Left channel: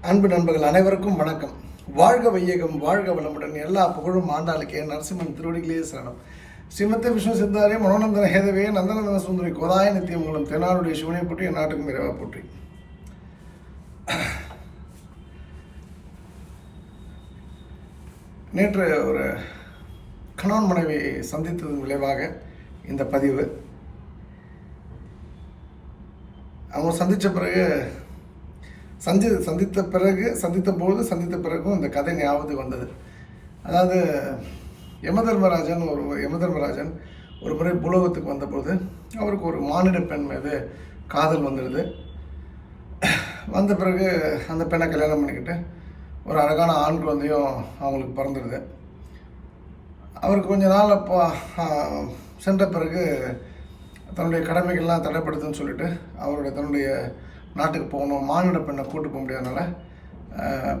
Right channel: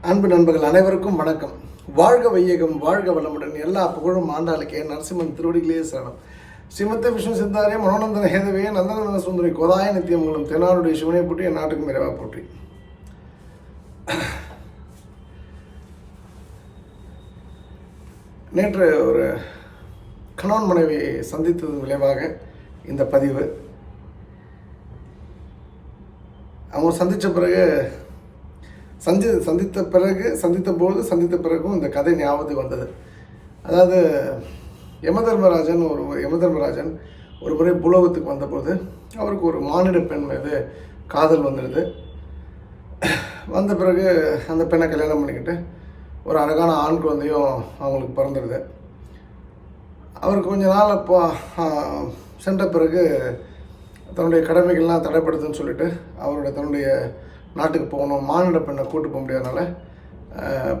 அன்பு நண்பர்கள் அனைவருக்கும் வணக்கம். வாழ்க வையகம் வாழ்க வளமுடன். எல்லா புகழும் ஆண்டாளுக்கே. நரசிம்மன் திருவடிகளே சரணம். ஸ்ரீமத்த விஷ்ணு சித்தாரே மனோநந்தன ஹேதவே நந்தநந்தன சுந்தரி கோதாய நித்தியமங்கலம் தென்னாடுடைய சிவனை போற்றி என் நாட்டுக்கும் விரைவாக போற்றி. நேற்று ஒரு கணவன் மனைவி சந்தித்ததன் விளைவாக இந்த பதிவு. அவங்க சந்தித்த பிறகு சந்தி சந்தித்த பிறகு சந்தித்த போது சந்தித்த பிறகும் இந்த கதை ஞாபகத்துக்கு வந்தது. அதாவது யமதர்மராஜன் ஒரு யமதர்மராஜன் ஒரு முறை புலோகத்துக்கு வந்தபோது அவருக்கு ஒரு மானிட பெண் மீது காதல் வந்துடுது. வந்த பிறகு அந்த பெண்ணை கல்யாணம் பண்ணிக்கிட்டு ஒரு அழகான ஆண் குழந்தையும் அவங்களுக்கு பிறந்துடுது. அவருக்கு கொஞ்ச நாள் அப்போ சென்ற பிறகு தன்னுடைய கடமைகள்லாம் தடைப்படுதுன்னு சொல்லிட்டு அவருடைய தன்னுடைய நாட்டுக்கு போகணும் மானிட பெண்ணை கூட்டு போக முடியாதனால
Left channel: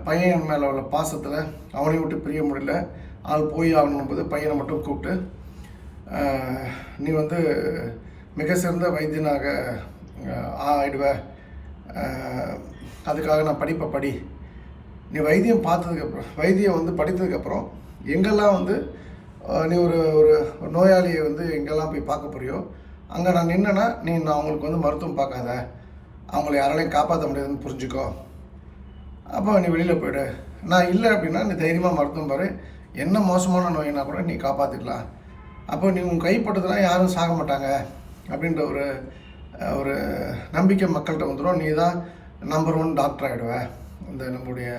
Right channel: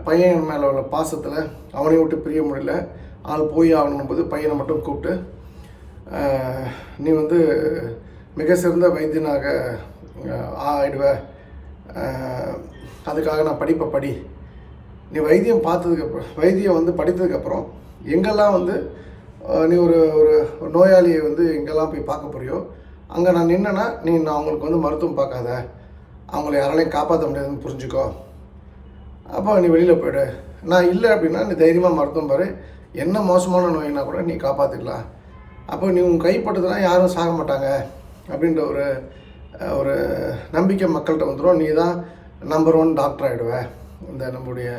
பையன் மேலே உள்ள பாசத்தில் அவனை விட்டு பிரிய முடியல. ஆள் போய் ஆகணும் போது பையனை மட்டும் கூப்பிட்டு நீ வந்து மிக சிறந்த வைத்தியனாக ஆயிடுவ. அதுக்காக நான் படிப்பை படி. நீ வைத்தியம் பார்த்ததுக்கப்புறம் வைத்தியம் வந்து படித்ததுக்கப்புறம் எங்கெல்லாம் வந்து நீ ஒரு ஒரு ஒரு நோயாளியை வந்து எங்கெல்லாம் போய் பார்க்க போறியோ அங்கே நான் நின்னேன்னா நீ நான் அவங்களுக்கு வந்து மருத்துவம் பார்க்காத. அவங்கள யாராலையும் காப்பாற்ற முடியாதுன்னு புரிஞ்சுக்கோ. அப்போ நீ வெளியில் போயிடு. நான் இல்லை அப்படின்னா நீ தைரியமாக மருத்துவம் பாரு. என்ன மோசமான நோயினா கூட நீ காப்பாற்றிக்கலாம் அப்போ நீ உன் கைப்பட்டதுனா யாரும் சாக மாட்டாங்க அப்படின்ற ஒரு ஒரு நம்பிக்கை மக்கள்கிட்ட வந்துடும் நீ தான் நம்பர் ஒன் டாக்டர் ஆகிடுவேன் இந்த நம்முடைய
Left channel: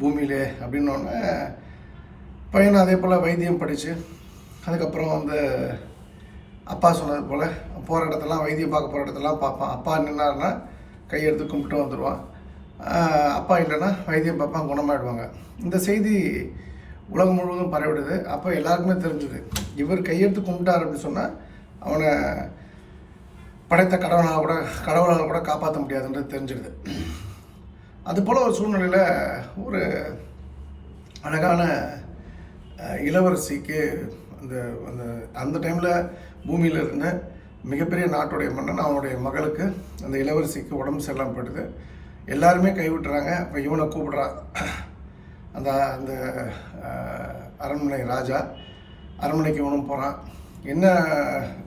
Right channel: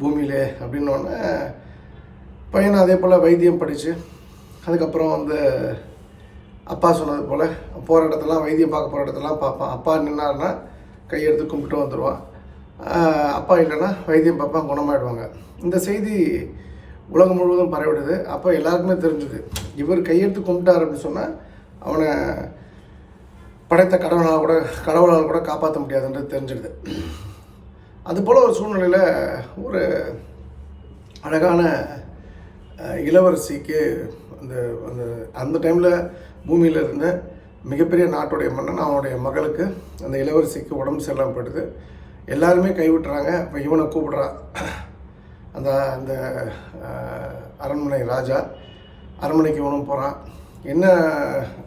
பூமியிலே அப்படின்னோடனே பையன் அதே போல் வைத்தியம் படித்து அதுக்கப்புறம் வந்து அப்பா சொன்னது போல் போகிற இடத்தெல்லாம் வைத்தியம் பார்க்க போகிற இடத்தெல்லாம் பார்ப்பான். அப்பா நின்னார்னா கையெடுத்து கும்பிட்டு வந்துடுவான் அப்பா இல்லைன்னா வைத்தியம் பாப்பா குணமாயிடுவாங்க. இந்த செய்தி உலகம் முழுவதும் பரவிடுது. அப்போ எல்லாருக்குமே தெரிஞ்சுது இவர் கையெடுத்து கும்பிட்டார் அப்படின்னு சொன்னால் அவனை படைத்த கடவுளால் கூட கடவுளால் கூட காப்பாற்ற முடியாதுன்றது தெரிஞ்சிடுது அதுபோல் ஒரு சூழ்நிலையில் ஒரு அழகான இளவரசிக்கு அந்த அந்த அந்த டைமில் பூமியில் இருந்த மிகப்பெரிய நாட்டுடைய மன்னன் அவனுடைய மகளுக்கு அந்த இளவரசிக்கு உடம்பு சரியில்லாமல் போயிடுது எல்லாருமே கைவிட்டுறாங்க. இப்போ இவனை கூப்பிடுறான் அந்த அந்த அரண்மனை ராஜா அரண்மனைக்கு இவனும் போகிறான் என்ன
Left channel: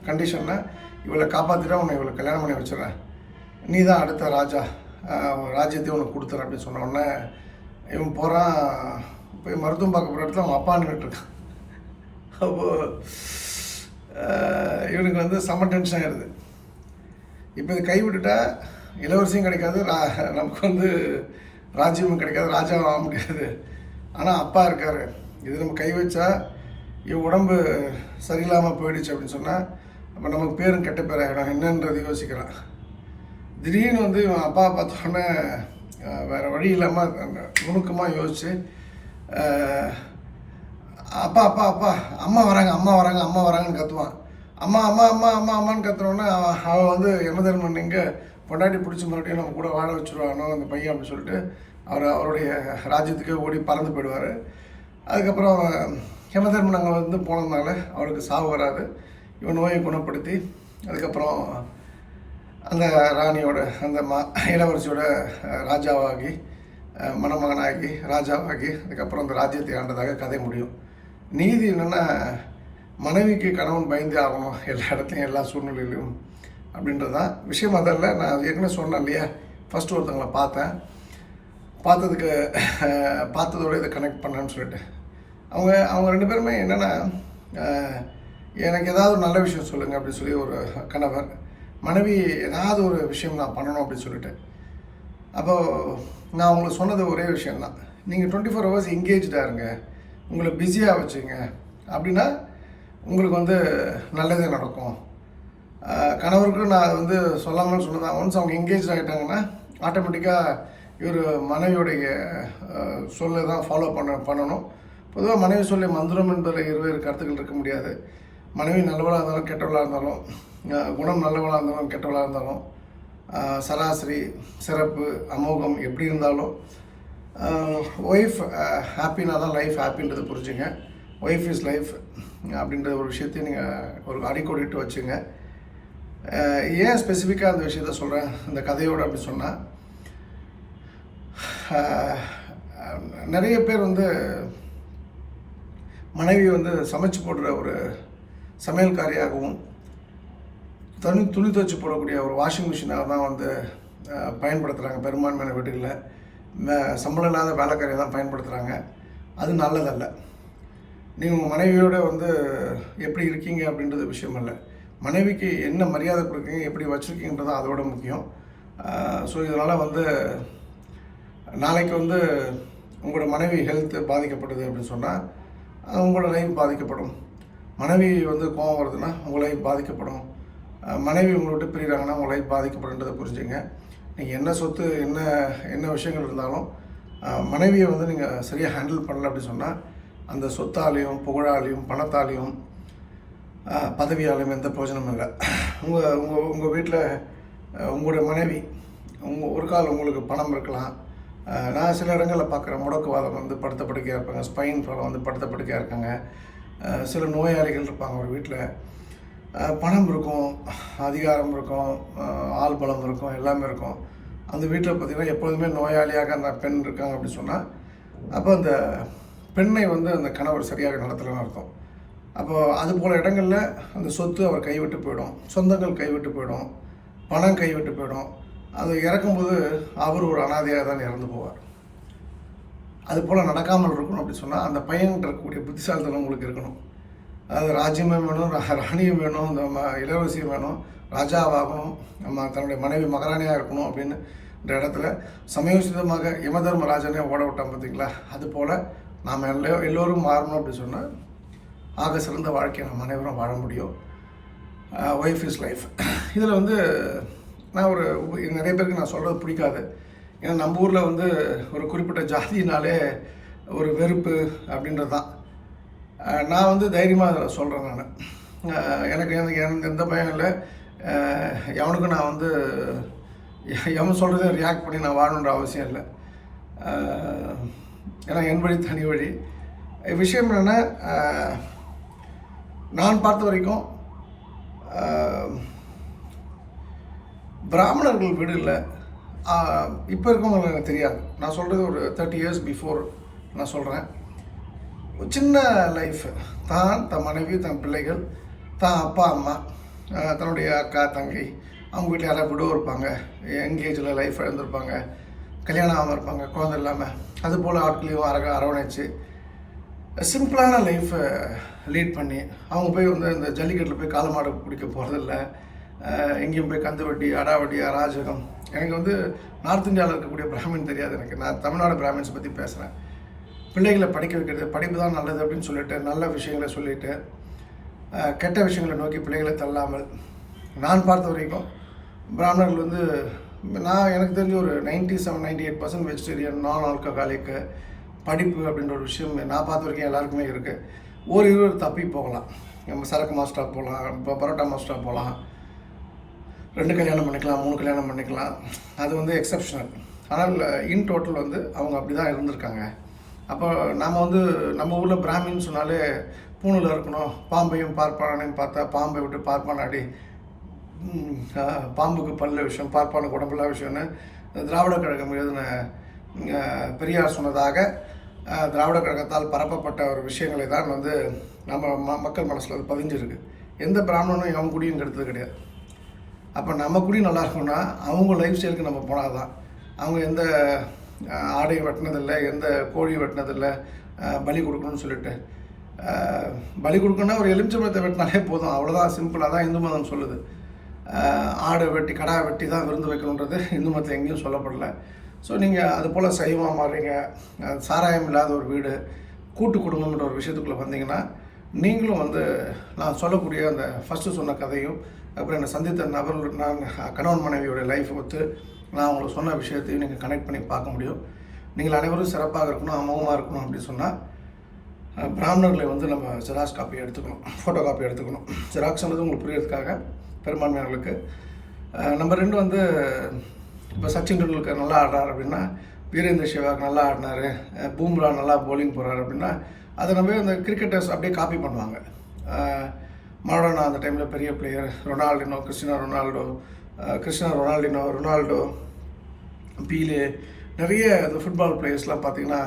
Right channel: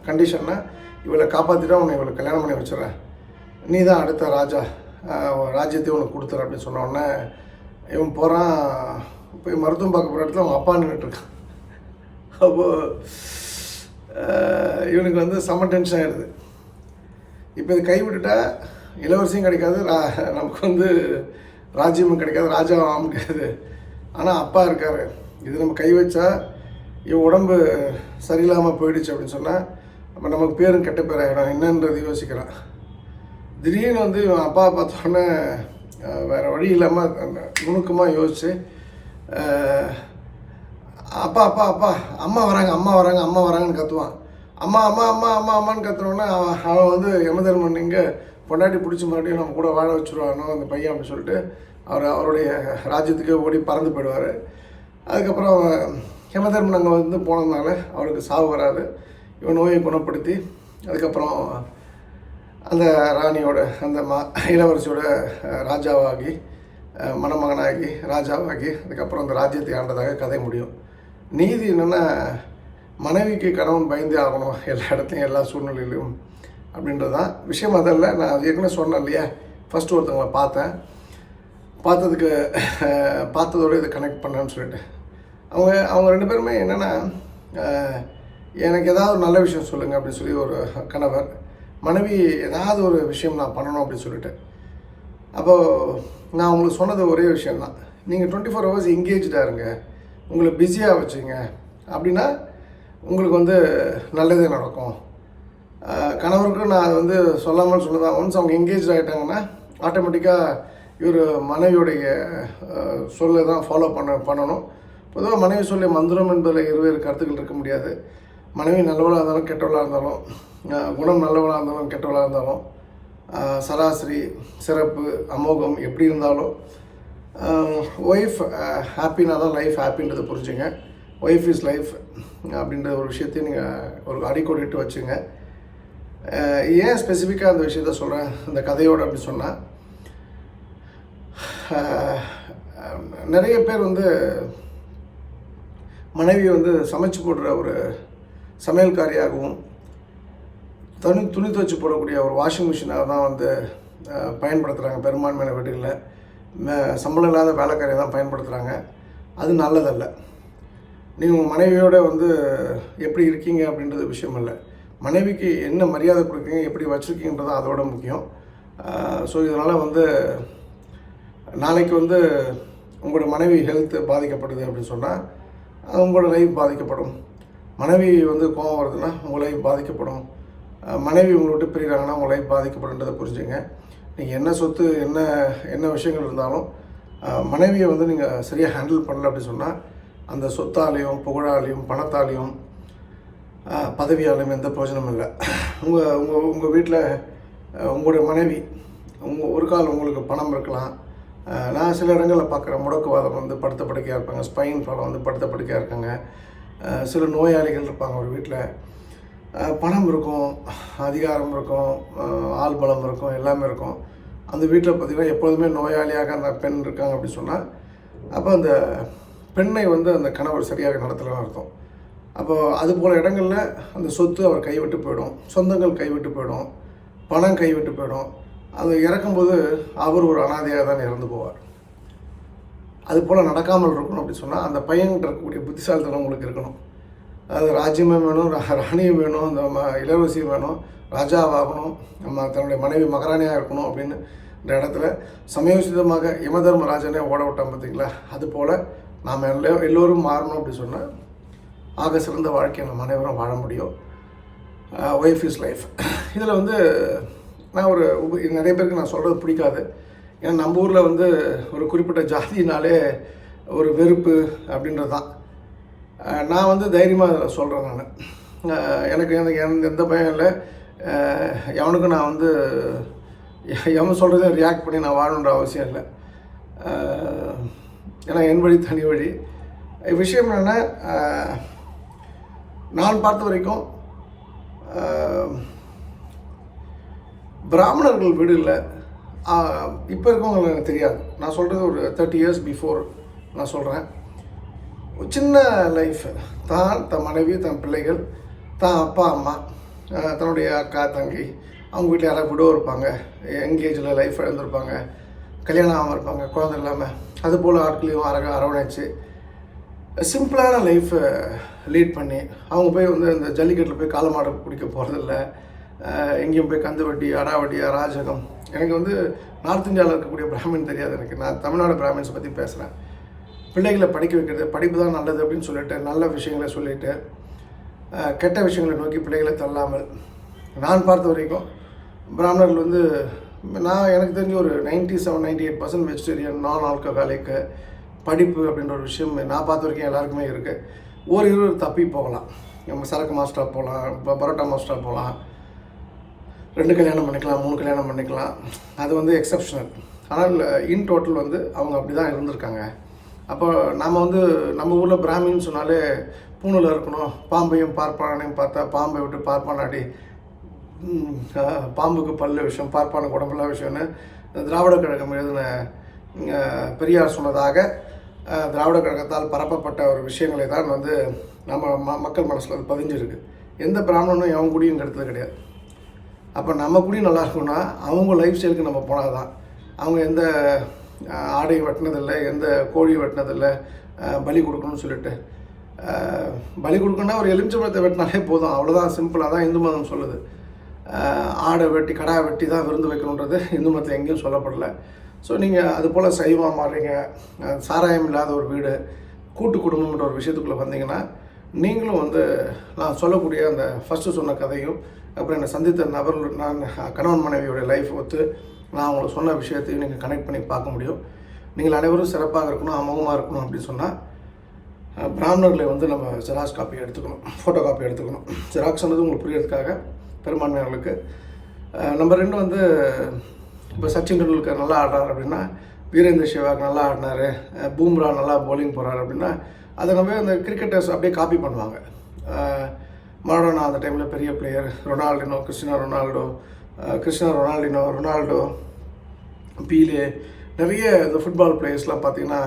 கண்டிஷன்னா இவளை காப்பாற்றிட்டா உன்னை இவளை கல்யாணம் பண்ணி வச்சிடறேன். நீ தான் அடுத்த ராஜா. ஆஹ் ராஜ்யத்தையும் உனக்கு கொடுத்துற அப்படின்னு சொன்ன உடனே இவன் போகிறான் போய் மருத்துவம் பார்க்க போகிற இடத்துல அவன் அப்பா நின்றுட்டுருக்கான் அப்போது இவனுக்கு வந்து செம்ம டென்ஷன் ஆகிடுது இப்போ இது கைவிட்டுட்டா இளவரசியும் கிடைக்காது ரா- நமக்கு வந்து ராஜ்யமும் கிடைக்காது ராஜாவும் ஆக முடியாது. ஆனால் அப்பா இருக்கார். இது நம்ம கை வச்சா இவன் உடம்பு சரியில்லாமல் போயிடுச்சு அப்படின்னு சொன்னால் அப்போ நமக்கு பேரும் கெட்ட பேர் ஆகிடும் என்னன்றது யோசிக்கிறான். திடீர்னு வந்து இவன் அப்பா பார்த்தோன்னே வேறு வழி இல்லாமல் நுணுக்கமாக யோசிச்சு அப்பா அப்பா அப்பா அம்மா வராங்க அம்மா வராங்க அம்மா வராங்கன்னு கத்துவான். அம்மா அம்மா அம்மா அம்மா அம்மான்னு கத்துனோடனே அவன் வந்து யமதர்மன் இங்கே பொண்டாட்டி பிடிச்சி மறுபடியும் நம்ம கூட வாழ வச்சுருவானோ அந்த பையன் அப்படின்னு சொல்லிட்டு அவர் அவருடைய ராஜ்யத்துக்கு ஓடி பறந்து போயிடுவார். அதுக்கப்புறம் அவன் யமதர்மன் அங்கே வந்து போனதுனால அவளுக்கு சாவு வராது. இவன் நோயை குணப்படுத்தி அதுக்கப்புறம் அந்த ராணியோட அந்த மா இளவரசியோட ராஜாவாகி மணமகனாகி ராஜாவாகி அதுக்கப்புறம் அந்த ராஜ்யத்தை ஆண்டதாக கதை முடியும். நீதி என்னென்னா மனைவிக்கு கணவன் பயந்தே ஆகணும் எல்லா இடத்துலையும் எல்லா சூழ்நிலையிலும் அப்படின்றது. தான் விஷயம் அதில் நான் ஏற்கனவே சொன்னேன் இல்லையா? ஃபஸ்ட்டு ஒருத்தவங்களை பார்த்தேன். பார்த்ததுக்கு பார்த்ததோடு பார்த்ததோட இதை கனெக்ட் பண்ணேன்னு சொல்லிட்டு. அவங்க அவங்க ரெண்டு பேருமே என்னென்னா எனக்கு ஏதாவது ஒரு நல்ல விஷயம் சொல்லுங்கள் அப்படின்னு சொல்லி ஒரு கணவர் மனைவி ஏதாவது ஒரு விஷயம் நான் பண்ணணும் அப்படின்னு சொல்லிட்டு. அப்போது நான் உங்களுக்கு சொன்னது ஒரே விஷயம்தான். நீங்கள் டுவெண்ட்டி ஃபோர் ஹவர்ஸ் எங்கேஜ்டாக இருங்க. உங்களை பிஸியாக வச்சுங்க. அப்படின்னா உங்களுக்கு வந்து நல்லது நடக்கும். கணவருக்கும் நான் அதை வந்து சொல்லாமல் சொன்னதான் ஒன்ஸ் அவங்க எங்கேஜ் ஆகிட்டாங்கன்னா ஆட்டோமேட்டிக்காக இவர் மனைவியுடைய சொல்ல சொல்லை தான் ஃபாலோ பண்ண பண்ணணும். பொதுவாக மனைவி சொல்லி மந்திரம் என்பதில் இருவேறு கருத்துக்கள் இருக்க முடியாது. மனைவி நல்லவளாக இருந்தாலும் கெட்டவளாக இருந்தாலும் குணம் நல்லவளாக இருந்தாலும் கெட்டவளாக இருந்தாலும் சராசரி சிறப்பு அமோகம் எப்படி இருந்தாலும் ஒய்ஃப் ஹாப்பினா தான் லைஃப் ஹாப்பின்றதை புரிஞ்சுங்க. ஒய்ஃப் இஸ் லைஃப் அப்படின்ற ஒரு விஷயத்தையும் நீங்கள் ஒரு அடிக்கோடிட்டு வச்சுங்க. Uh, ஏன் ஸ்பெசிஃபிக்காக அந்த விஷயத்த சொல்கிறேன் இந்த கதையோடு அப்படின்னு சொன்னால் uh, நிறைய பேர் வந்து மனைவியை வந்து சமைச்சு போடுற ஒரு சமையல்காரியாகவும் துணி துணி துவச்சு போடக்கூடிய ஒரு வாஷிங் மிஷினாக தான் வந்து uh, பயன்படுத்துகிறாங்க பெரும்பான்மையான வீடுகளில். சம்பளம் இல்லாத வேலைக்காரியை தான் பயன்படுத்துகிறாங்க அது நல்லதல்ல. நீங்கள் உங்கள் மனைவியோட வந்து எப்படி இருக்கீங்க அப்படின்றது விஷயம் இல்லை. மனைவிக்கு என்ன மரியாதை கொடுக்குறீங்க எப்படி வச்சுருக்கீங்கன்றது அதோட முக்கியம். ஸோ இதனால் வந்து நாளைக்கு வந்து உங்களோட மனைவி ஹெல்த் பாதிக்கப்படுது அப்படின்னு சொன்னால் உங்களோட லைஃப் பாதிக்கப்படும். மனைவி வந்து கோபம் வருதுன்னா உங்கள் லைஃப் பாதிக்கப்படும். மனைவி உங்களை விட்டு பிரிகிறாங்கன்னா உங்கள் லைஃப் பாதிக்கப்படுன்றதை புரிஞ்சுங்க. நீங்கள் என்ன சொத்து என்ன என்ன விஷயங்கள் இருந்தாலும் மனைவியை வந்து நீங்கள் சரியாக ஹேண்டில் பண்ணல அப்படின்னு சொன்னால் அந்த சொத்தாலையும் புகழாலையும் பணத்தாலையும் பதவியாலையும் எந்த பிரயோஜனமும் இல்லை. உங்கள் உங்கள் உங்கள் வீட்டில் உங்களுடைய மனைவி உங்கள் ஒரு கால் உங்களுக்கு பணம் இருக்கலாம். நான் சில இடங்களில் பார்க்குற முடக்குவாதம் வந்து படுத்த படுக்கையாக இருப்பாங்க ஸ்பைன் ப்ராப்ளம் வந்து படுத்த படுக்கையாக இருக்காங்க சில நோயாளிகள் இருப்பாங்க ஒரு வீட்டில் பணம் இருக்கும் அதிகாரம் இருக்கும் ஆள் பலம் இருக்கும் எல்லாமே இருக்கும். அந்த வீட்டில் பார்த்திங்கன்னா எப்பொழுதுமே நோயாளியாக அந்த பெண் இருக்காங்க அப்படின்னு சொன்னால் அப்போ அந்த பெண்ணை வந்து அந்த கணவர் சரியாக நடத்தலன்னு அர்த்தம். அப்போ அது போல் இடங்களில் அந்த சொத்து அவர் கைவிட்டு போயிடும் சொந்தங்கள் கைவிட்டு போயிடும் பணம் கைவிட்டு போயிடும். அது இறக்கும்போது அவர் ஒரு அனாதையாக தான் இறந்து போவார். அது போல் நடக்காமல் இருக்கணும் அப்படி சொன்னால் அந்த பையன்கிட்ட இருக்கக்கூடிய புத்திசாலித்தனம் உங்களுக்கு இருக்கணும். அதாவது வேணும் ராணியும் வேணும் இந்த ம இளவரசியும் வேணும் ராஜாவாகணும் நம்ம தன்னுடைய மனைவி மகாராணியாக இருக்கணும் அப்படின்னு இந்த இடத்துல சமயோசிதமாக யமதர்ம ராஜனே ஓட விட்டான் பார்த்தீங்களா அது போல் நாம் எல்லோ எல்லோரும் மாறணும் அப்படி சொன்னால் ஆக சிறந்த வாழ்க்கையை நம்ம அனைவரும் வாழ முடியும். ஒய்ஃப் இஸ் லைஃப் இதில் வந்து நான் ஒரு நிறைய பேருக்கு நான் சொல்கிறது பிடிக்காது. ஏன்னா நம்ம ஊரில் வந்து ஒரு குறிப்பிட்ட ஜாதினாலே ஒரு வெறுப்பு அப்படின்றது தான் நான் வந்து தைரியமாக சொல்கிறேன் நான். எனக்கு எனக்கு எந்த எந்த பயம் இல்லை. எவனுக்கும் நான் வந்து எவன் சொல்கிறதே ரியாக்ட் பண்ணி நான் வாழணுன்ற அவசியம் இல்லை. ஏன்னா என் வழி தனி வழி. விஷயம் என்னென்னா நான் பார்த்த வரைக்கும் பிராமணர்கள் வீடு இல்லை. இப்போ இருக்கவங்களுக்கு எனக்கு தெரியாது. நான் சொல்கிறது ஒரு தேர்ட்டி இயர்ஸ் பிஃபோர் நான் சொல்கிறேன் சின்ன லைஃப் தான் தன் மனைவி தன் பிள்ளைகள் தான் அப்பா அம்மா தன்னுடைய அக்கா தங்கை அவங்க வீட்டில் யாராவது விடோ இருப்பாங்க எங்கேஜில் லைஃப் இழந்திருப்பாங்க கல்யாணம் ஆகாமல் இருப்பாங்க குழந்தை இல்லாமல் அது போல் ஆட்களையும் அரக அரவணைச்சு சிம்பிளான லைஃப்பை லீட் பண்ணி அவங்க போய் வந்து இந்த ஜல்லிக்கட்டில் போய் காலமாடு பிடிக்க போகிறதில்ல எங்கேயும் போய் கந்து வட்டி அடாவட்டி அராஜகம். எனக்கு வந்து நார்த் இந்தியாவில் இருக்கக்கூடிய பிராமின் தெரியாது எனக்கு. நான் தமிழ்நாடு பிராமின்ஸ் பற்றி பேசுகிறேன் பிள்ளைகளை படிக்க வைக்கிறது படிப்பு தான் நல்லது அப்படின்னு சொல்லிட்டு நல்ல விஷயங்களை சொல்லிட்டு கெட்ட விஷயங்களை நோக்கி பிள்ளைகளை தள்ளாமல். நான் பார்த்த வரைக்கும் பிராமணர்கள் வந்து நான் எனக்கு தெரிஞ்ச ஒரு ninety seven ninety eight percent vegetarian நான் ஆல்கஹாலிக்கு படிப்பு அப்படின்ற ஒரு விஷயம் நான் பார்த்த வரைக்கும் எல்லாருக்குமே இருக்குது ஒரு இருவர் தப்பி போகலாம். நம்ம சரக்கு மாஸ்டராக போகலாம் இப்போ பரோட்டா மாஸ்டராக போகலாம். ரெண்டு கல்யாணம் பண்ணிக்கலாம் மூணு கல்யாணம் பண்ணிக்கலாம். அது வந்து எக்ஸப்ஷனல் ஆனால் இன் டோட்டல் வந்து அவங்க அப்படி தான் இருந்திருக்காங்க. அப்போ நம்ம வந்து நம்ம ஊரில் பிராமின்னு சொன்னாலே பூணில் இருக்கணும் பாம்பையும் பார்ப்பானையும் பார்த்தா பாம்பை விட்டு பார்ப்பானாடி. அடி பாம்புக்கு பல்ல விஷயம் பார்ப்பானுக்கு உடம்புல விஷயம்னு திராவிட கழகம் எழுதின பெரியார் சொன்னதாக திராவிட கழகத்தால் பரப்பப்பட்ட ஒரு விஷயங்களை தான் வந்து நம்ம ம மக்கள் மனசில் அது பதிஞ்சிருக்கு. எந்த பிராமணனும் எவன் குடியும் எடுத்தது கிடையாது. அப்போ நம்ம குடி நல்லா இருக்கணும்னா அவங்க லைஃப் ஸ்டைலுக்கு நம்ம போனால் தான் அவங்க எந்த ஆடை வெட்டினதில்லை எந்த கோழி வெட்டினதில்லை பலி கொடுக்கணும்னு சொல்லிட்டு. பலி கொடுக்கணும்னா ஒரு எலுமிச்சம்பழத்தை வெட்டினாலே போதும். அவ்வளோதான் சிம்பிளாக தான் இந்து மதம் சொல்லுது. ஆடை வெட்டி கடா வெட்டி தான் விருந்து வைக்கணுன்றது இந்து மதத்தில் எங்கேயும் சொல்லப்படலை. ஸோ நீங்கள் அது போல் சைவமாக மாறுறீங்க. சாராயம் இல்லாத ஒரு வீடு கூட்டு குடும்பம்ன்ற ஒரு விஷயத்துக்குள்ளே வந்தீங்கன்னா நீங்களும் வந்து நான் சொல்லக்கூடிய அந்த ஃபஸ்ட்டு சொன்ன கதையும் அப்புறம் என்னை சந்தித்த நபர்கள் நான் கணவன் மனைவியோடைய லைஃப் ஒத்து நான் உங்களுக்கு சொன்ன விஷயத்தையும் நீங்கள் கனெக்ட் பண்ணி பார்க்க முடியும். நீங்கள் அனைவரும் சிறப்பாக இருக்கணும் அமோகமாக இருக்கணும் அப்படின்னு சொன்னால் பிராமணர்களை வந்து நம்ம ஜெராக்ஸ் காப்பி எடுத்துக்கணும் ஃபோட்டோ காப்பி எடுத்துக்கணும் ஜெராக்ஸ்ன்றது உங்களுக்கு புரியறதுக்காக பெரும்பான்மையாளர்களுக்கு. நம்பர் ரெண்டு வந்து இப்போ சச்சின் டெண்டுல்கர் நல்லா ஆடுறார் அப்படின்னா வீரேந்திர சேவாக் நல்லா ஆடினாரு பூம்ரா நல்லா போலிங் போகிறார் அப்படின்னா அதை நம்ம இந்த கிரிக்கெட்டர்ஸ் அப்படியே காப்பி பண்ணுவாங்க. அஹ், மரடோனா அந்த டைமில் பெரிய player Ronaldinho Cristiano Ronaldo Krishna Ronaldinho Ronaldo Pele நிறைய இந்த ஃபுட்பால் பிளேயர்ஸ்லாம் பார்த்தீங்கன்னா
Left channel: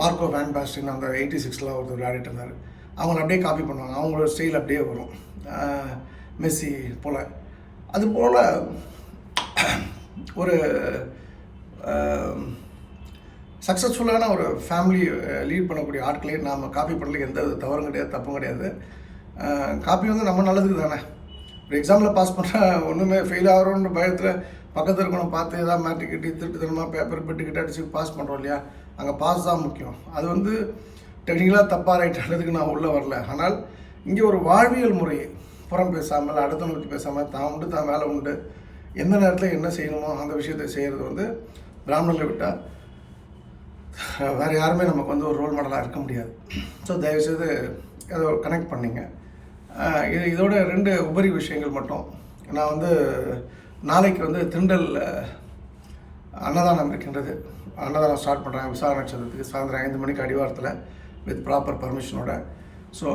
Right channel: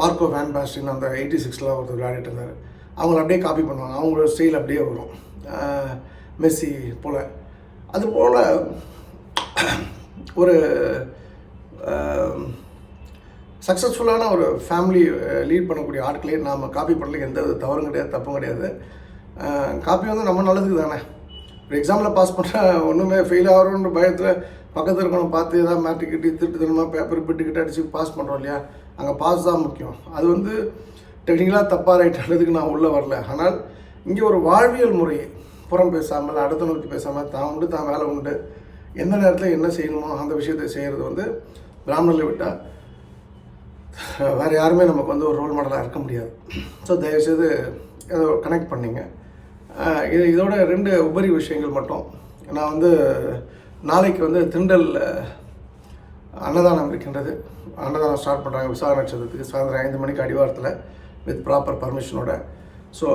மார்க்கோ வேன் பாஸ்டின் அந்த எயிட்டி சிக்ஸ்லாம் ஒருத்தர் விளையாடிட்டு இருந்தார். அவங்கள அப்படியே காப்பி பண்ணுவாங்க. அவங்களோட ஸ்டைல் அப்படியே வரும். மெஸ்ஸி போல். அது போல் ஒரு சக்ஸஸ்ஃபுல்லான ஒரு ஃபேமிலி லீட் பண்ணக்கூடிய ஆட்களையும் நாம் காப்பி பண்ணல எந்த தவறும் கிடையாது தப்பும் கிடையாது. காப்பி வந்து நம்ம நல்லதுக்கு தானே ஒரு எக்ஸாமில் பாஸ் பண்ணால் ஒன்றுமே ஃபெயில் ஆகிறோன்ற பயத்தில் பக்கத்தில் இருக்கணும் பார்த்து எதாவது மேட்ரிக் கட்டி திருட்டுத்தனமாக பேப்பர் பிட்டுக்கிட்டு அடித்து பாஸ் பண்ணுறோம் இல்லையா? அங்கே பாஸ் தான் முக்கியம். அது வந்து டெக்னிக்கலாக தப்பாக ரைட்டுன்றதுக்கு நான் உள்ளே வரல. ஆனால் இங்கே ஒரு வாழ்வியல் முறை புறம் பேசாமல் அடுத்தவங்க பற்றி பேசாமல் தான் உண்டு தான் வேலை உண்டு. எந்த நேரத்தில் என்ன செய்யணுமோ அந்த விஷயத்தை செய்கிறது வந்து பிராமணர்களை விட்டால் வேறு யாருமே நமக்கு வந்து ஒரு ரோல் மாடலாக இருக்க முடியாது. ஸோ தயவுசெய்து அதை கனெக்ட் பண்ணிங்க. இது இதோட ரெண்டு உபரி விஷயங்கள் மட்டும். நான் வந்து நாளைக்கு வந்து திண்டல் அன்னதானம் இருக்கின்றது. அன்னதானம் ஸ்டார்ட் பண்ணுறாங்க விசாக நட்சத்திரத்துக்கு சாயந்தரம் ஐந்து மணிக்கு அடிவாரத்தில் வித் ப்ராப்பர் பர்மிஷனோட ஸோ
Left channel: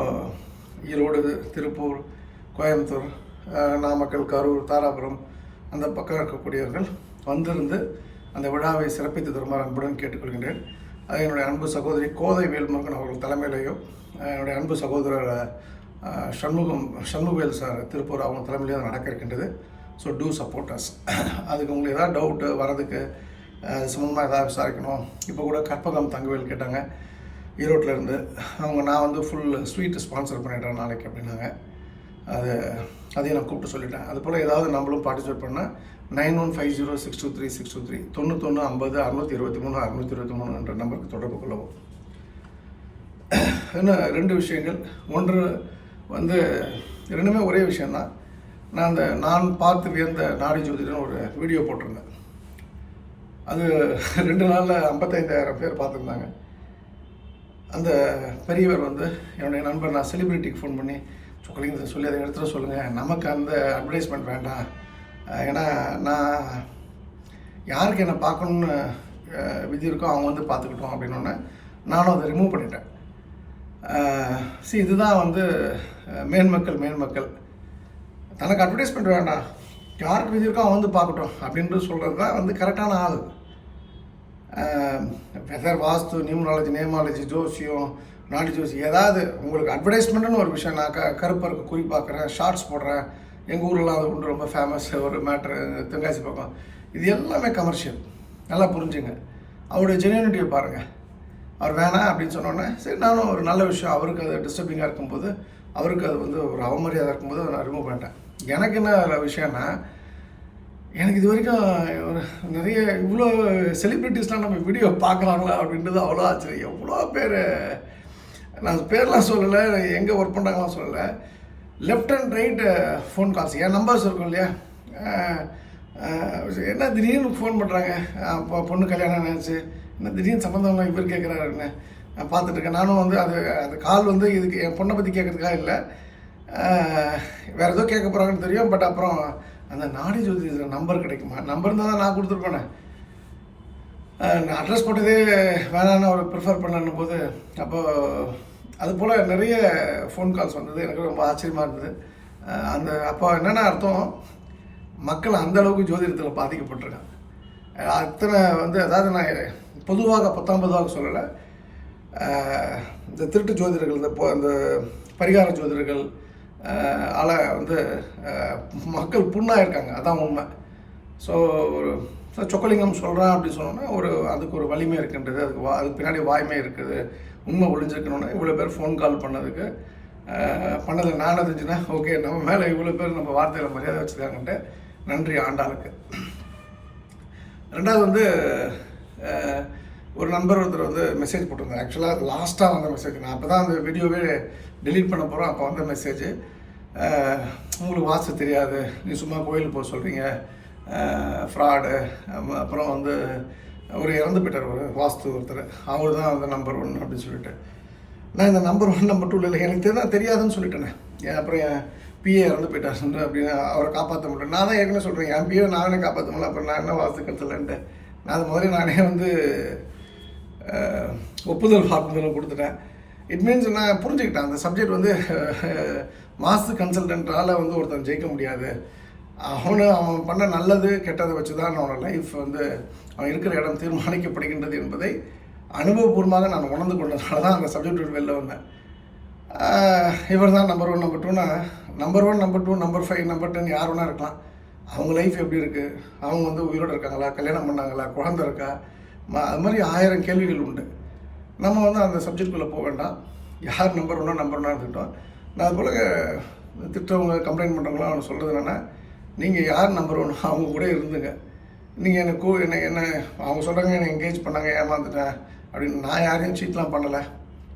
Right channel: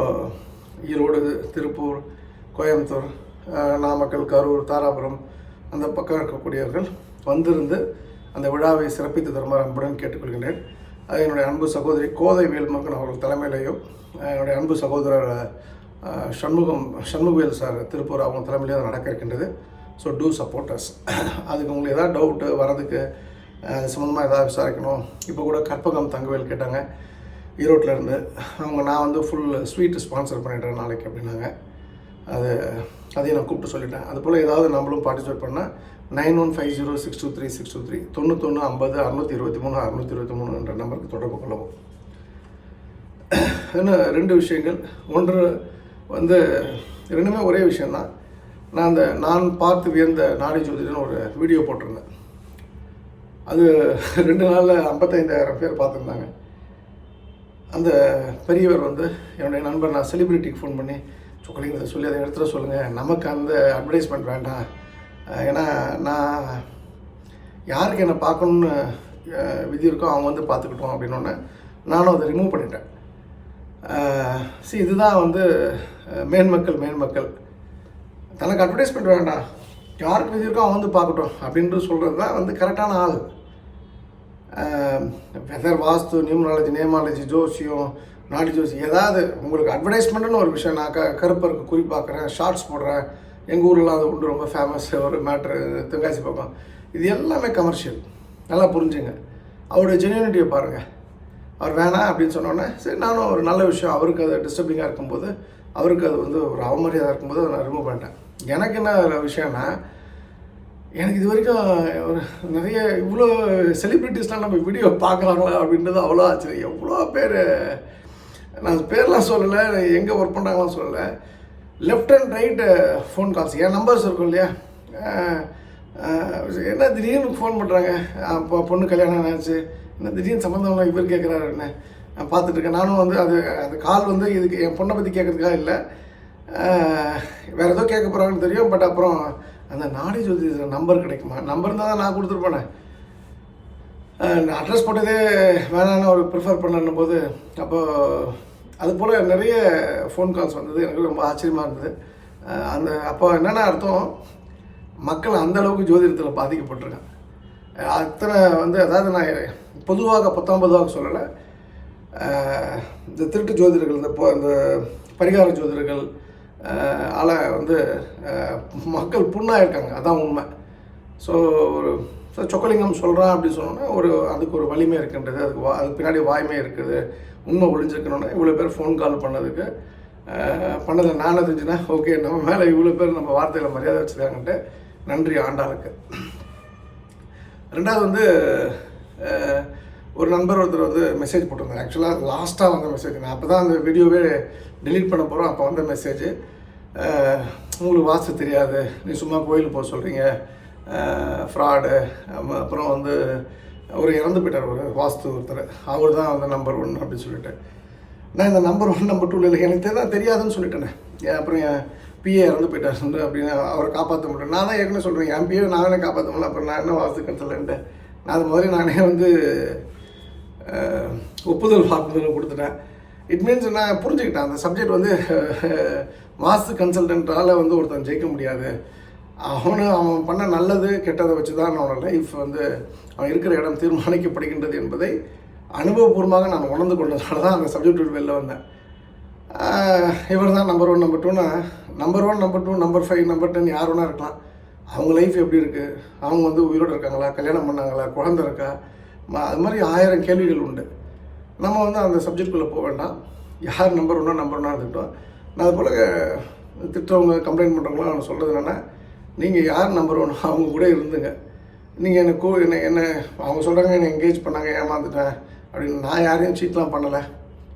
ஈரோடு திருப்பூர் கோயம்புத்தூர் நாமக்கல் கரூர் தாராபுரம் அந்த பக்கம் இருக்கக்கூடியவர்கள் வந்திருந்து அந்த விழாவை சிறப்பித்து தருமாறு அன்புடன் கேட்டுக்கொள்கின்றேன். அது என்னுடைய அன்பு சகோதரி கோதை வேல்முருகன் அவர்கள் தலைமையிலையும் என்னுடைய அன்பு சகோதரர் சண்முகம் சண்முகவேல் சார் திருப்பூர் அவங்க தலைமையிலேயே அது நடக்க இருக்கின்றது. ஸோ டூ சப்போர்ட்டர்ஸ் அதுக்கு உங்களுக்கு ஏதாவது டவுட்டு வரதுக்கு அது சம்மந்தமாக ஏதாவது விசாரிக்கணும். இப்போ கூட கற்பகம் தங்கவேல் கேட்டாங்க ஈரோட்டில் இருந்து. அவங்க நான் வந்து ஃபுல் ஸ்வீட்டு ஸ்பான்சர் பண்ணிடுறேன் நாளைக்கு அப்படின்னாங்க. அது அதையும் நான் கூப்பிட்டு சொல்லிட்டேன். அது போல் ஏதாவது நம்மளும் பார்ட்டிசிபேட் பண்ணால் nine one five zero six two three six two three தொண்ணூத்தொன்று ஐம்பது அறுநூற்றி இருபத்தி மூணு அறுநூற்றி இருபத்தி மூணு என்ற நம்பருக்கு தொடர்பு கொள்ளவும். இன்னும் ரெண்டு விஷயங்கள். ஒன்று வந்து ரெண்டுமே ஒரே விஷயந்தான் நான் அந்த நான் பார்த்து வியந்த நாடி ஜோதிடன்னு ஒரு வீடியோ போட்டிருந்தேன். அது ரெண்டு நாளில் ஐம்பத்தைந்தாயிரம் பேர் பார்த்துருந்தாங்க. அந்த பெரியவர் வந்து என்னுடைய நண்பர் நான் செலிபிரிட்டிக்கு ஃபோன் பண்ணி சொக்கலிங்க சொல்லி அதை எடுத்துட சொல்லுங்கள் நமக்கு அந்த அட்வர்டைஸ்மெண்ட் வேண்டாம். ஏன்னா நான் யாருக்கு என்னை பார்க்கணுன்னு விதி இருக்கோ அவங்க வந்து பார்த்துக்கிட்டோம் அப்படின்னு நானும் அதை ரிமூவ் பண்ணிட்டேன். சி இதுதான் வந்து மேன்மக்கள் மேன்மக்கள். தனக்கு அட்வர்டைஸ்மெண்ட் வேண்டாம் யாருக்கு விதி இருக்கோ அவன் வந்து பார்க்கட்டும் அப்படின்ட்டு சொல்கிறது தான் வந்து கரெக்டான ஆள். வெதர் வாஸ்து நியூமராலஜி நேமாலஜி ஜோசியம் நாலு ஜோசி ஏதாவது உங்களுக்கு அட்வர்டைஸ்மெண்ட்னு ஒரு விஷயம் நான் க கருப்பருக்கு குறி பார்க்குறேன் ஷார்ட்ஸ் போடுறேன் எங்கள் ஊரில் அது ஒன்று ரொம்ப ஃபேமஸ் ஒரு மேட்ரு தென்காசி பக்கம். இது எல்லாமே கமர்ஷியல் நல்லா புரிஞ்சுங்க. அவருடைய ஜென்யூனிட்டியை பாருங்கள் அவர் வேணாம் அப்படின்னு சொன்னோன்னே சரி நானும் ஒரு நல்ல விஷயம் அவருக்கு அது டிஸ்டர்பிங்காக இருக்கும்போது அவருக்கு அது வந்து ஒரு அவமரியாதை இருக்கும்போது அதை நான் ரிமூவ் பண்ணிட்டேன். எனக்கு என்ன விஷயம்னா எனக்கு இது வரைக்கும் ஒரு நிறைய இவ்வளோ செலிப்ரிட்டிஸ்லாம் நம்ம வீடியோ பார்க்குறாங்களா அப்படின்றது அவ்வளோ ஆச்சரியம். எவ்வளோ பேர் நான் பேர்லாம் சொல்லலை எங்கே ஒர்க் பண்ணுறாங்களாம் சொல்லலை. Left and right phone calls N numbers இருக்கும் இல்லையா? என்ன திடீர்னு ஃபோன் பண்ணுறாங்க பொண்ணு கல்யாணம் ஆச்சு. என்ன திடீர்னு சம்மந்தம் இவர் கேட்குறாரு என்ன நான் பார்த்துட்ருக்கேன். நானும் வந்து அது அந்த கால் வந்து இதுக்கு என் பொண்ணை பற்றி கேட்கறதுக்காக இல்லை. வேறு ஏதோ கேட்க போகிறாங்கன்னு தெரியும் பட் அப்புறம் அந்த நாடி ஜோதி நம்பர் கிடைக்குமா? நம்பர் இருந்தால் தான் நான் கொடுத்துருப்பேனே. நான் அட்ரஸ் போட்டதே வேணான்னு அவர் ப்ரிஃபர் பண்ணணும் போது அப்போது அது போல் நிறைய ஃபோன் கால்ஸ் வந்தது. எனக்கு ரொம்ப ஆச்சரியமாக இருந்தது. அந்த அப்போ என்னென்ன அர்த்தம் மக்கள் அந்த அளவுக்கு ஜோதிடத்தில் பாதிக்கப்பட்டிருக்காங்க. அத்தனை வந்து அதாவது நான் பொதுவாக பத்தாம் பொதுவாக சொல்லலை. இந்த திருட்டு ஜோதிடர்கள் இந்த இந்த பரிகார ஜோதிடர்கள் ஆல வந்து மக்கள் புண்ணாக இருக்காங்க அதான் உண்மை. ஸோ ஒரு ஸோ சொக்கலிங்கம் சொல்கிறான் அப்படின்னு சொன்னோன்னா ஒரு அதுக்கு ஒரு வலிமை இருக்கின்றது அதுக்கு வா அதுக்கு பின்னாடி வாய்மை இருக்குது. உண்மை ஒழிஞ்சிருக்கணும்னா இவ்வளோ பேர் ஃபோன் கால் பண்ணதுக்கு பண்ணதில் நானே தெரிஞ்சுன்னா ஓகே நம்ம மேலே இவ்வளோ பேர் நம்ம வார்த்தையில் மரியாதை வச்சுருக்காங்கன்ட்டு நன்றி ஆண்டாளுக்கு. ரெண்டாவது வந்து ஒரு நண்பர் ஒருத்தர் வந்து மெசேஜ் போட்டிருந்தார். ஆக்சுவலாக லாஸ்ட்டாக வந்த மெசேஜ் நான் அப்போ தான் அந்த வீடியோவே டெலீட் பண்ண போகிறோம் அப்போ வந்த மெசேஜ் உங்களுக்கு வாஸ்து தெரியாது. நீ சும்மா கோயிலுக்கு போக சொல்கிறீங்க ஃப்ராடு அப்புறம் வந்து ஒரு இறந்து போயிட்டார் ஒரு வாஸ்து ஒருத்தர். அவர் தான் வந்து நம்பர் ஒன் அப்படின்னு சொல்லிட்டு. நான் இந்த நம்பர் ஒன் நம்பர் டூவில் இல்லை எனக்கு தான் தெரியாதுன்னு சொல்லிட்டேனே. அப்புறம் என் பிஏ இறந்து போயிட்டார் வந்து அப்படின்னு அவரை காப்பாற்ற முடியல. நான் தான் ஏற்கனவே சொல்கிறேன் என் பிஏ நானே காப்பாற்ற முடியல. அப்புறம் நான் என்ன வாஸ்து கட்டலன்ட்டு. அது மாதிரி நானே வந்து ஒப்புதல் வாக்குமூலம் கொடுத்துட்டேன். இட் மீன்ஸ் நான் புரிஞ்சுக்கிட்டேன். அந்த சப்ஜெக்ட் வந்து மாஸ்து வாஸ்து கன்சல்டன்ட்டால் வந்து ஒருத்தன் ஜெயிக்க முடியாது. அவனு அவன் பண்ண நல்லது கெட்டதை வச்சு தான் அவனோட லைஃப் வந்து அவன் இருக்கிற இடம் தீர்மானிக்கப்படுகின்றது என்பதை அனுபவபூர்வமாக நான் உணர்ந்து கொண்டதால தான் அந்த சப்ஜெக்ட் விட்டு வெளில வந்தேன். இவர் தான் நம்பர் ஒன் நம்பர் டூனா number one number two number five number ten யார் வேணா இருக்கலாம். அவங்க லைஃப் எப்படி இருக்குது அவங்க வந்து உயிரோடு இருக்காங்களா? கல்யாணம் பண்ணாங்களா? குழந்த இருக்கா? மா அது மாதிரி ஆயிரம் கேள்விகள் உண்டு. நம்ம வந்து அந்த சப்ஜெக்ட்குள்ளே போக வேண்டாம். யார் நம்பர் ஒன்றா நம்பர் ஒன்றா இருந்துக்கிட்டோம் நான் அதுபோல் திட்டவங்க கம்ப்ளைண்ட் பண்ணுறவங்களாம் அவனை சொல்கிறது என்னென்னா நீங்கள் யார் நம்பர் ஒன் அவங்க கூட இருந்துங்க. நீங்கள் எனக்கு கூ என்ன என்ன அவங்க சொல்கிறாங்க என்னை என்கேஜ் பண்ணாங்க ஏமாந்துட்டேன் அப்படின்னு நான் யாரையும் சீட்லாம் பண்ணலை.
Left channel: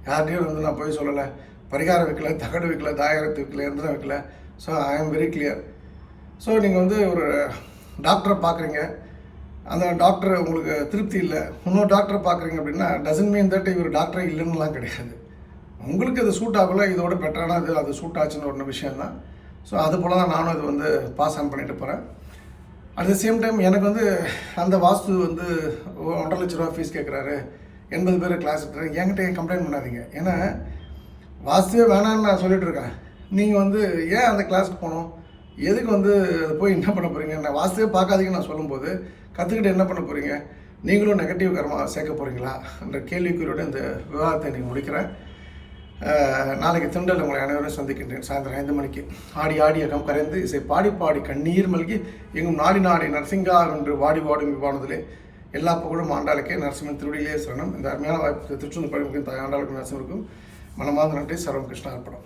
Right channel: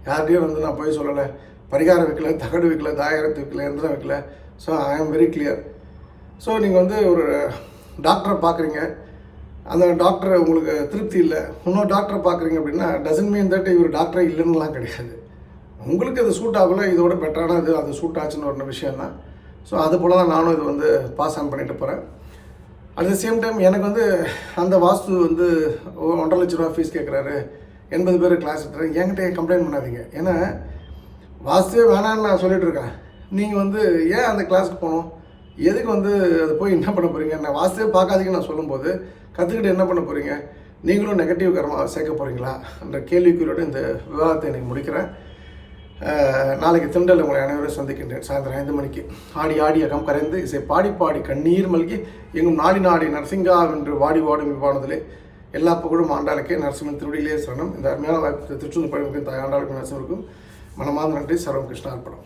யார்கிட்டையும் வந்து நான் போய் சொல்லலை. பரிகாரம் வைக்கல தகடு வைக்கல தாயரத்து வைக்கல எந்திரம் வைக்கல. So I am very clear so நீங்கள் வந்து ஒரு டாக்டரை பார்க்குறீங்க அந்த டாக்டர் உங்களுக்கு திருப்தி இல்லை. இன்னொரு டாக்டரை பார்க்குறீங்க அப்படின்னா டசன் மீன் தட் இவர் டாக்டரே இல்லைன்னுலாம் கிடையாது. உங்களுக்கு அது சூட் ஆகல இதோட பெட்டரான இது அது சூட் ஆச்சுன்னு ஒரு விஷயம் தான் ஸோ அது போல் தான் நானும் இது வந்து பாஸ் ஆன் பண்ணிட்டு போகிறேன் அட் த சேம் டைம் எனக்கு வந்து அந்த வாஸ்து வந்து ஒன்றரை லட்ச ரூபா ஃபீஸ் கேட்குறாரு எண்பது பேர் கிளாஸ் எடுத்துறேன். என்கிட்ட கம்ப்ளைண்ட் பண்ணாதீங்க. ஏன்னா வாஸ்துவே வேணான்னு நான் சொல்லிகிட்ருக்கேன் நீங்கள் வந்து ஏன் அந்த கிளாஸுக்கு போகணும்? எதுக்கு வந்து அது போய் என்ன பண்ண போகிறீங்க நான் வாஸ்துவே பார்க்காதீங்கன்னு நான் சொல்லும்போது கற்றுக்கிட்டு என்ன பண்ண போகிறீங்க நீங்களும் நெகட்டிவ் கரமாக சேர்க்க போகிறீங்களா என்ற கேள்விக்குறியோட இந்த விவாதத்தை இன்றைக்கி முடிக்கிறேன். நாளைக்கு திண்டல் உங்களை அனைவரும் சந்திக்கின்றேன். சாயந்தரம் ஐந்து மணிக்கு. ஆடி ஆடி அகம் கரைந்து இசை பாடி பாடி கண்ணீர் மல்கி எங்கும் நாடி நாடி நரசிங்கா என்று வாடி வாடும் விவானத்திலே எல்லா புகழும் ஆண்டாளுக்கே நரசிம்மன் திருவடியிலே சரணம். இந்த அருமையான வாய்ப்பு திருச்செந்தூர் பழமுக்கும் தாய் ஆண்டாளுக்கும் நரசிம்மருக்கும் மனமார்ந்த நன்றி. சர்வம் கிருஷ்ணா அர்ப்பணம்